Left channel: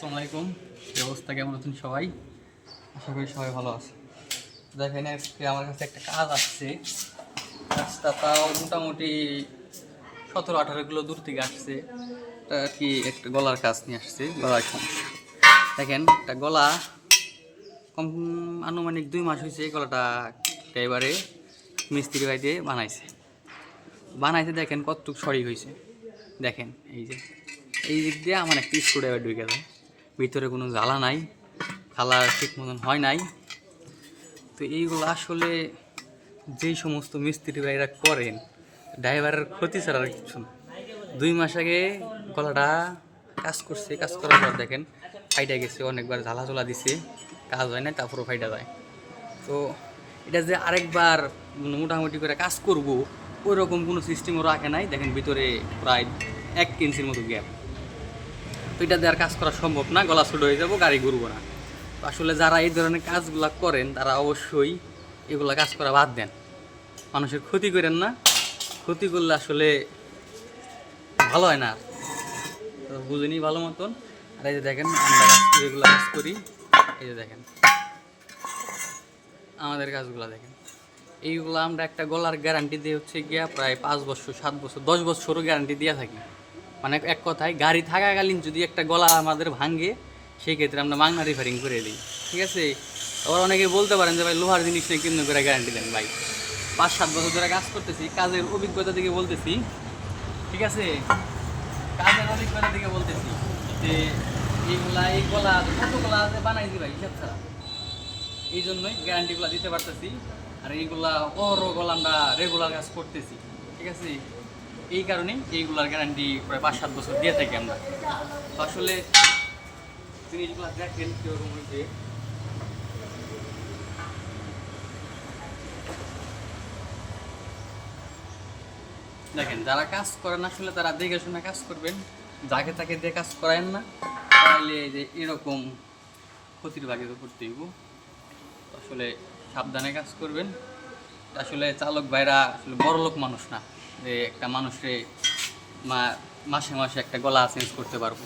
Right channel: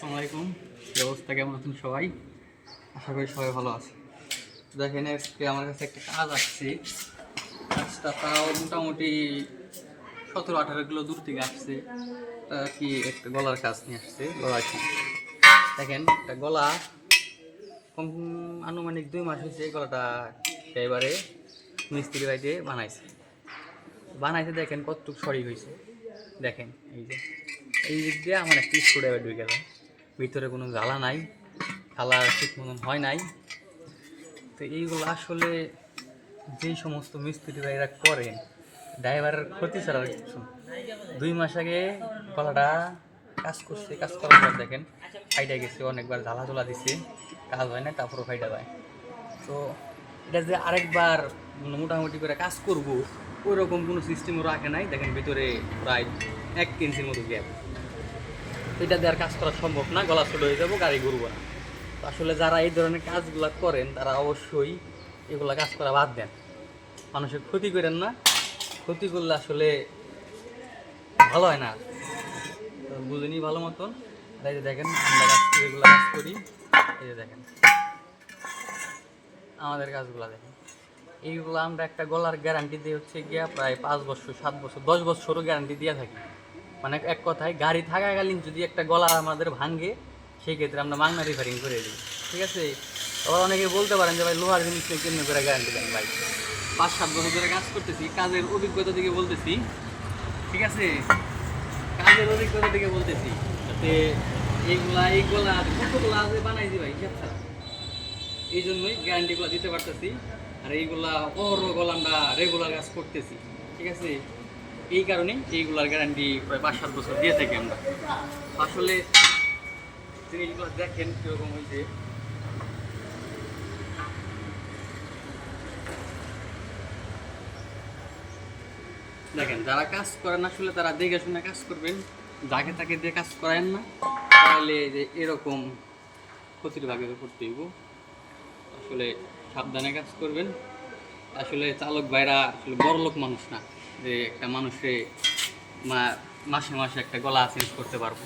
আসসালামু আলাইকুম। এই অবস্থা কেমন আছেন সবাই? আশা করি সবাই ভালো আছে। দেখেন আজকে আমার কাছে একটা কাজ আসছে। কাজটা তাও মোটামুটি 17-18 কিলো দূর থেকে আসছে। কি একটা গলার কাজ নিয়ে আসছে, গলার সমস্যা। দেখেন একটা গলা কম আনুমানিক 2 মাস হয়েছে। গলাটা একেবারে মিস্ত্রি ভাই দিয়ে বানাইছে দেখেন কতটুক সরি হয়েছে। দেখেন এই দিক দিয়ে আমার একটা স্ক্রুড্রাইভার ঢুকে যায়, ভিতরে কোনো জ্বালা নাই, কালার ঠিক মতন হয় নাই। তো এইগুলো আসলে যেই সমস্ত মিস্ত্রি ভাইরা করেন, ড্রাইভারের ক্ষতি ছাড়া আর কিছু না। 2 মাস আগে গলাটা কাজ করছে, কাজ করার পর দেখেন ফাইটা গেছে, অনেকবার ঝালাঝোলা দিছে, কাজ হয় না, তারপরও ফাইটা যায়। তো এটা যে আরেকবার মোটামুটি করে কাজ করব ওই রকম কোনো সিস্টেমও রাখে নাই। দেখেন ভিতরে প্রায় 1 ইঞ্চির মতো গ্যাপ। তো এটা দিয়ে আর কাজ করা সম্ভব না, গলা ছোট হয়ে যাবো, গাড়ি ঘুরবো না। আসলে যারা এই ধরনের কাজগুলা করেন তারা অবশ্যই এগুলা কাজ করা বাদ দেন। মানুষের ক্ষতি করেন না, ক্ষতি করলে আসলে ভালো হয় না। তো বুঝিনি ভালো মতন। আর এই যে দেখেন আমরা এগুলো কাজ করি, এই যে দেখেন আমাদের কাজগুলো দেখেন। এইগুলো আমরা একটা গলার গ্যারান্টি দিয়ে হচ্ছে গিয়া প্রায় 5 বছর 7 বছর 10 বছরও গ্যারান্টি দিয়ে থাকি। মানে এক কথায় গাড়ি থাকাকালীন যদি একটা গলা আমাদের ভাঙে, সেই ক্ষেত্রে আমরা মাংনা রিপেয়ারিং করে দিই, ঠিক আছে। আবার অনেকে বলতে পারেন যে ভাই লোহার জিনিস নিয়ে কেমন করে গ্যারান্টি দেন? ভাই 5-7 বছর ধরে কাজ করতেছি, কাজের অভিজ্ঞতা থেকে বলতেছি, ঠিক আছে, কাজের অভিজ্ঞতা থেকে বলতেছি যে এই গলা কতগুলা যে বানাইছি ভাই হিসাব ছাড়া। এই জন্যই গ্যারান্টিগুলো দিতে পারতেছি। আর এইগুলা গলা আমরা রেগুলার কাজ করতেছি, ঠিক আছে। এই কারণেই এইগুলার গ্যারান্টি প্রায় 5-7 বছর দিয়ে থাকি আমরা। আসলে জিনিসগুলো দেখেন কীরকম হয়েছে। দেখেন যারা কাজ করেন আসলে তারা দেখে শুনে কাজ করবেন, যাকে তাকে দিয়ে কাজ করায়েন না, তাহলে যে এরকম ক্ষতির ভাগে করতে হইব। আসলে সাবধানে কাজ করবেন। আসলে চালক ভাইরা আসলে বড় লোক মানুষ না যে একটা মানুষে মাসে মাসে একটা গলা চেঞ্জ করতে পারবো।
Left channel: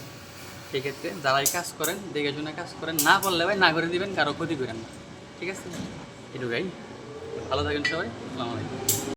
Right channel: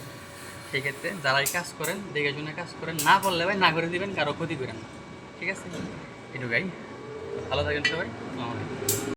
সেক্ষেত্রে যারাই কাজ করেন দেখে শুনে কাজ করেন, না পারলে ভাই না করে দিবেন, কারো ক্ষতি করেন না, ঠিক আছে। এটুকাই। ভালো থাকেন সবাই। আসসালামু আলাইকুম।